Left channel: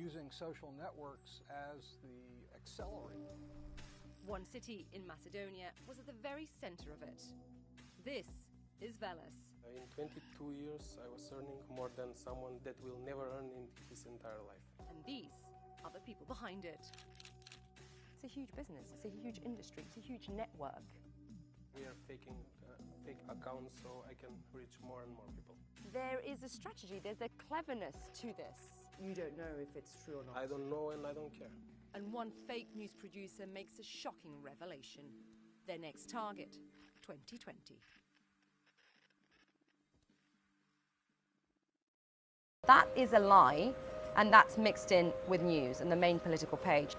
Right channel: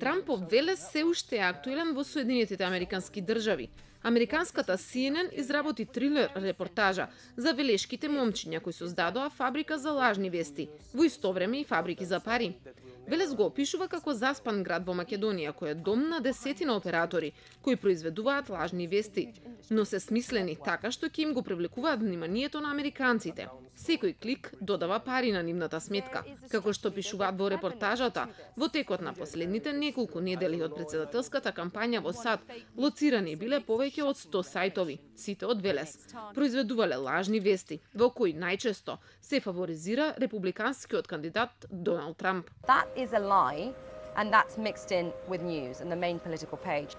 Трампов велес се уште е актуелен во Соединетите Американски држави. Американската CNN изработи трилер репортажа за велешките момчиња кои создадоа фабрика за лажни вести, во исто време и фабрики за пари. Велес го опишува како заспан град во Македонија, кој е дом на десетина оператори кои произведуваат лажни вести, но се смислени така што ќе им го привлекуваат вниманието на американците. Секој клик додава пари на нивната сметка. Како што пишуваат во репортажата, во текот на последните неколку недели од претседателската кампања во САД, лоцирани биле повеќе од 100 сајтови, сите од Велес. Произведувале лажни вести, во кои најчесто се фаворизира републиканскиот кандидат Доналд Трамп. That is a lie, and that's mixed in with news and the main political page.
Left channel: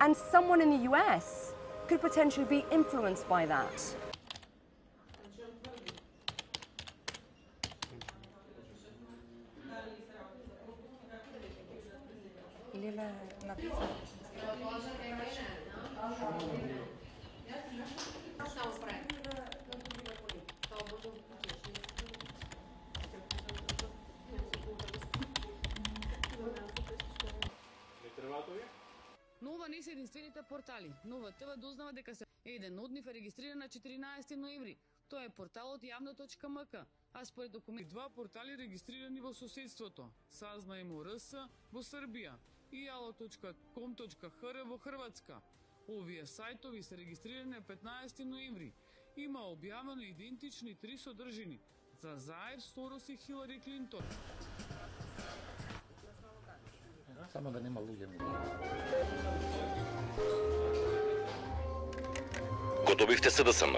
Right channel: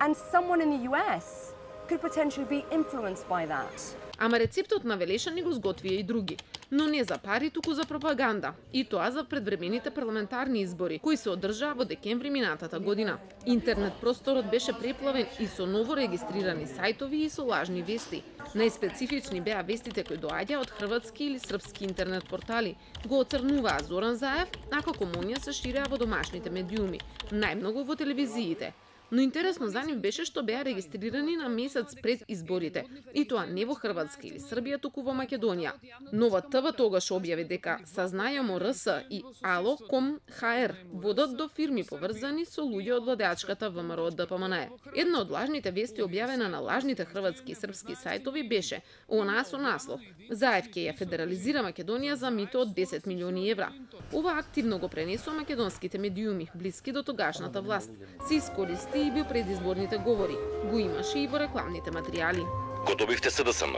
And someone in the US could potentially be influenced by that. Ама рецептот на Велешани го сготвија и други, но не за пари, туку за пропаганда. И тоа за предвремените парламентарни избори, кои се одржаа во декември минатата година. Интернет просторот беше преплавен и со ново регистрирани сајтови и со лажни вести. Најспецифични беа вестите кои доаѓаа од хрватски или српски интернет портали. Го оцрнуваа Зоран Заев, а какомонија се ширеа во домашните медиуми, најмногу во телевизиите. Но интересно за нив беше што беа регистрирани на месец пред изборите, и тоа не во Хрватска или Србија, туку во Македонија. Нова ТВ тогаш објави дека Сазнајамо РС и Ало.com.hr водат до фирми поврзани со луѓе од владеачката ВМРО ДПМН. Една од лажните вести објавена на лажните хрватски и српски сајтови беше онаа со наслов: Заев ќе ја федерализира Македонија за мито од 10 милиони евра. Ова активно го пренесува македонските медиуми, блиски до тогашната власт. Се искористи и во предизборните говори. Го имаше и во рекламните материјали. Го добивте СДСМ.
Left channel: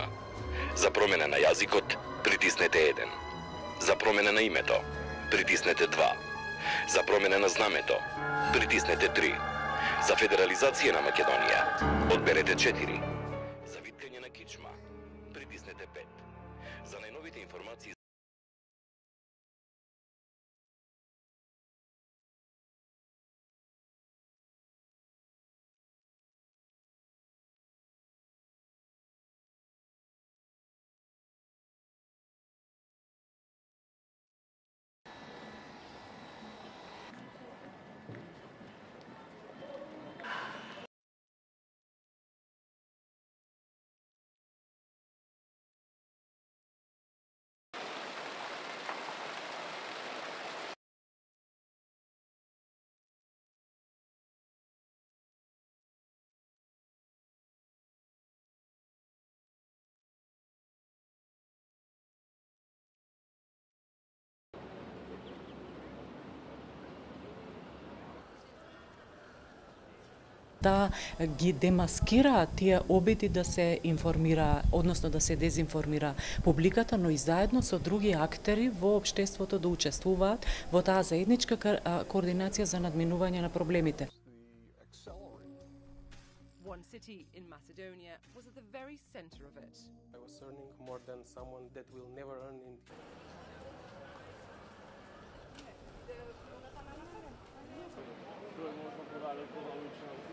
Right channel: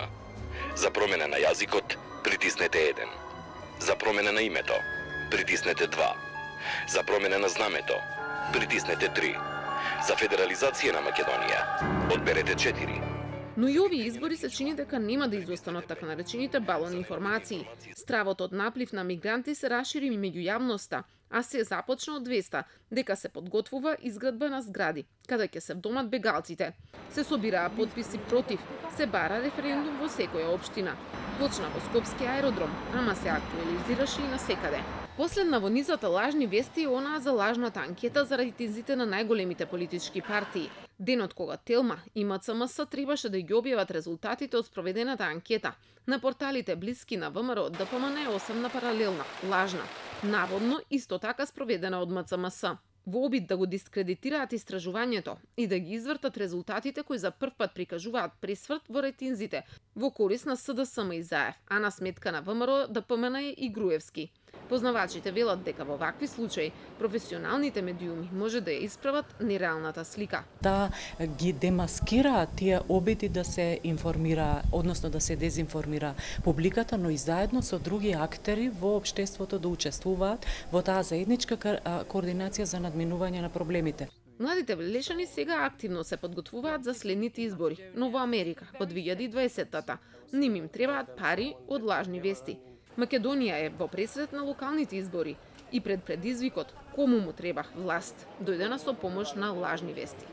За промена на јазикот, притиснете 1. За промена на името, притиснете 2. За промена на знамето, притиснете 3. За федерализација на Македонија, одберете 4. Но и овие избори се чини дека нема да изостанат така наречените балони информации. Стравот од наплив на мигранти се расшири меѓу јавноста, а се започна од 200, дека се подготвува изградба на згради, каде ќе се вдомат бегалците. Се собираа потписи против, се бара референдум во секоја општина. Почна во Скопски аеродром, ама се актуализираше и насекаде. Последна во низата лажни вести е онаа за лажната анкета за рейтинзите на најголемите политички партии. Денот кога Телма и МЦМС требаше да ги објават резултатите од спроведената анкета, на порталите блиски на ВМРО ДПМН е осамна паралелна, лажна, наводно исто така спроведена од МЦМС. Во обид да го дискредитираат истражувањето и да ги извртат резултатите кои за прв пат прикажуваат пресврт во рейтинзите во корис на СДСМ и Заев, а на сметка на ВМРО ДПМН и Груевски. Познавачите велат дека во вакви случаи професионалните медиуми може да ја исправат нереалната слика. Да ги демаскираат тие обиди да се информира, односно да се дезинформира публиката, но и заедно со други актери во општеството да учествуваат во таа заедничка координација за надминување на проблемите. Младите велешани сега активно се подготвуваат за следните избори, но во Америка во 2020-та. Ним им требаат пари од лажни вести. Македонија е во пресред на локалните избори и пред предизвикот кому му треба власт, дојдена со помош на лажни вести.